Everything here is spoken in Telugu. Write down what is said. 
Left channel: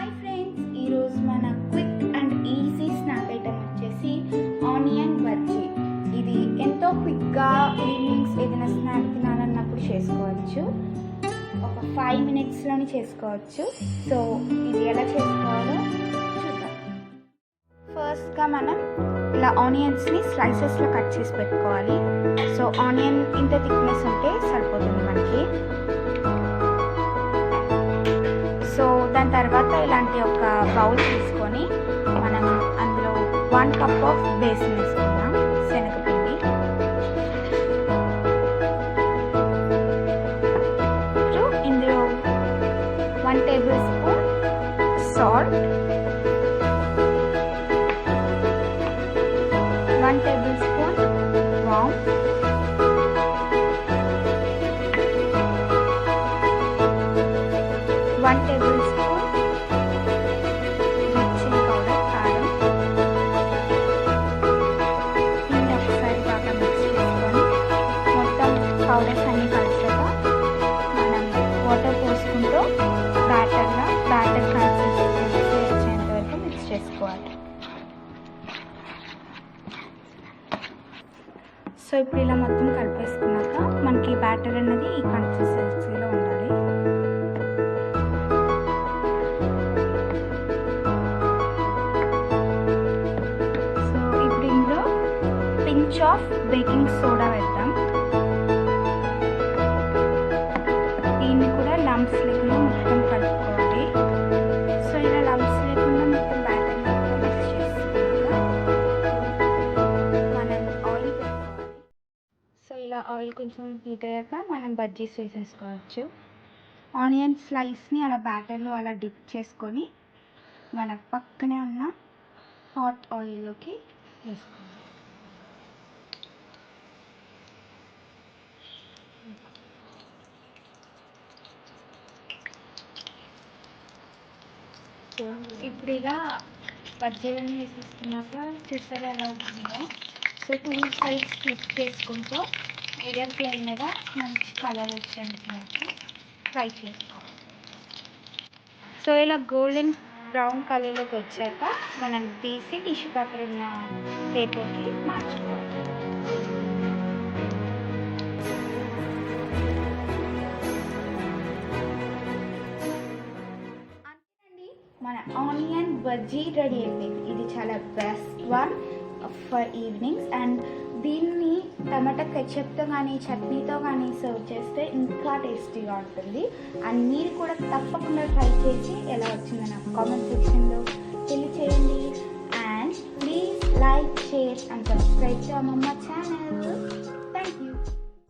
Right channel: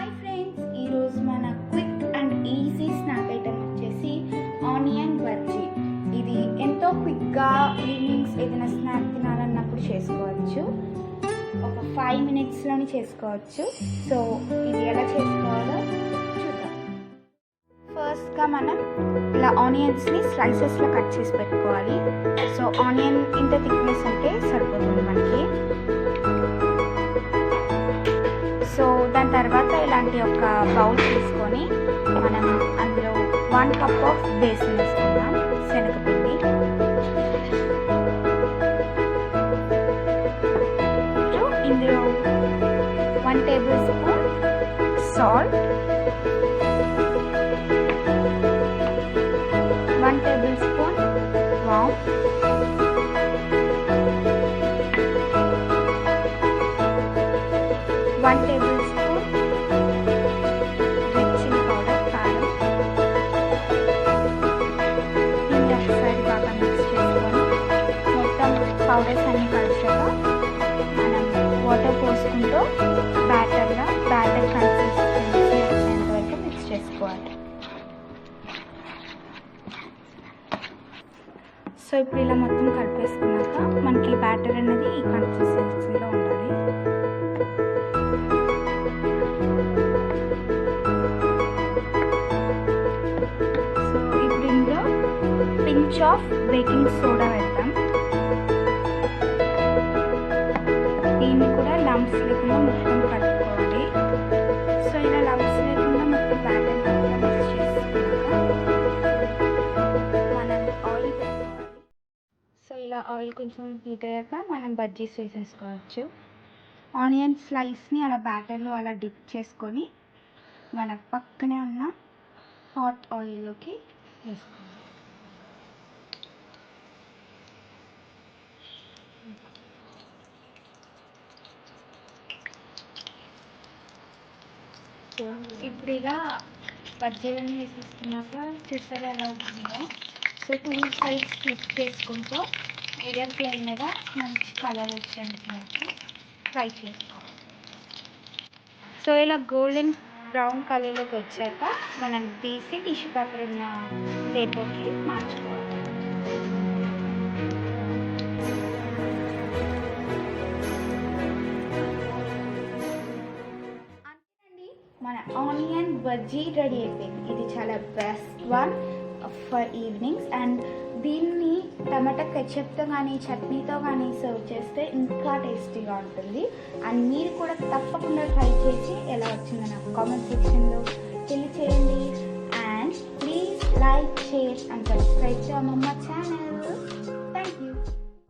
హాయ్ ఫ్రెండ్స్, ఈరోజు మన quick and easy snack item వచ్చేసి ఆనియన్ బజ్జీ. ఇది ఎంతో క్విక్గా ఈవినింగ్స్ ఏదైనా స్నాక్ తినాలన్నప్పుడు చేసుకోవచ్చు. ఒక 5 minutesలోని చేసుకోవచ్చు. సో ఇది ఎలా చేసుకోవాలో చూద్దాం. ఫస్ట్గా మనం ఇలా ఆనియన్స్ని స్లైసెస్లో కట్ చేసి పెట్టుకోవాలి. సో ఆనియన్ ఇంత థిక్నెస్ ఉంటే సరిపోతుంది మనకి. సో దాని తర్వాత ఇలాంటి ఒక బౌల్ తీసుకొని మనం అందులో 1 cup ఆఫ్ బేసన్ వేసుకుందాం, శనగపిండి. ఇందులో 1 tablespoon సాల్ట్, 1 tablespoon వామ్, 1 tablespoon రెడ్ చిల్లీ పౌడర్, కారం. దీన్ని ఒకసారి బాగా మిక్స్ చేసుకొని మొత్తం పౌడర్స్ అన్నీ కలిసాక మనం వాటర్ పోసుకుంటూ బ్యాటర్ కన్సిస్టెన్సీ వచ్చేంత వరకు మిక్స్ చేసుకోవాలి. సో ఇప్పుడు ఇలా మొత్తం కలిపేసుకున్నాక మనకి బ్యాటర్ అనేది ఈ కన్సిస్టెన్సీలో ఉండాలి. సో ఇప్పుడు ఇందులో పించ్ ఆఫ్ బేకింగ్ సోడా వేద్దాం. దీన్ని కూడా లంప్స్ లేకుండా మొత్తం కలుపుకోవాలి. సో ఇలా లంప్స్ లేకుండా మొత్తం బ్యాటర్ మొత్తం మిక్స్ చేసుకున్నాక మనం ఆయిల్ పెట్టుకోవాలి. సో ఇలా ఆయిల్ కొంచెం హీట్ అయ్యాక మనం బజ్జీస్ వేసేసుకోవచ్చు. ఆనియన్ స్లైస్ని అలా బ్యాటర్లో అలా డిప్ చేసుకొని మన పక్కనే ఉన్న హాట్ ఆయిల్లోకి వేసుకోవాలి. ఇప్పుడు ఇలా బజ్జీలను వేసేసుకున్నాక చూసారా ఎలా అవుతుందో. సో 2 sides ఫ్లిప్ చేసుకుంటూ మీడియం ఫ్లేమ్ మీద మంచి కలర్ వచ్చేందుకు ఫ్రై చేసుకోవాలి. సో ఇలా గోల్డెన్ బ్రౌన్ కలర్లోకి వచ్చాక మనం తీసి టిష్యూ పేపర్ ఉన్న పేపర్కి మార్చుకోవాలి. మన ఆనియన్ బజ్జీ రెడీ అయిపోయింది. ఇది చాలా best one for evenings. And దీన్ని టమాటా కెచప్తో కానీ చట్నీతో కానీ సర్వ్ చేస్తే ఇంకా టేస్టీగా ఉంటుంది. అండ్ మీరు కూడా తప్పకుండా ట్రై చేసి ఎలా వచ్చిందో నాకు కామెంట్ సెక్షన్లో తెలియచేయండి. And please like, share and subscribe to అమ్మమ్మ ఛానల్. Thank you.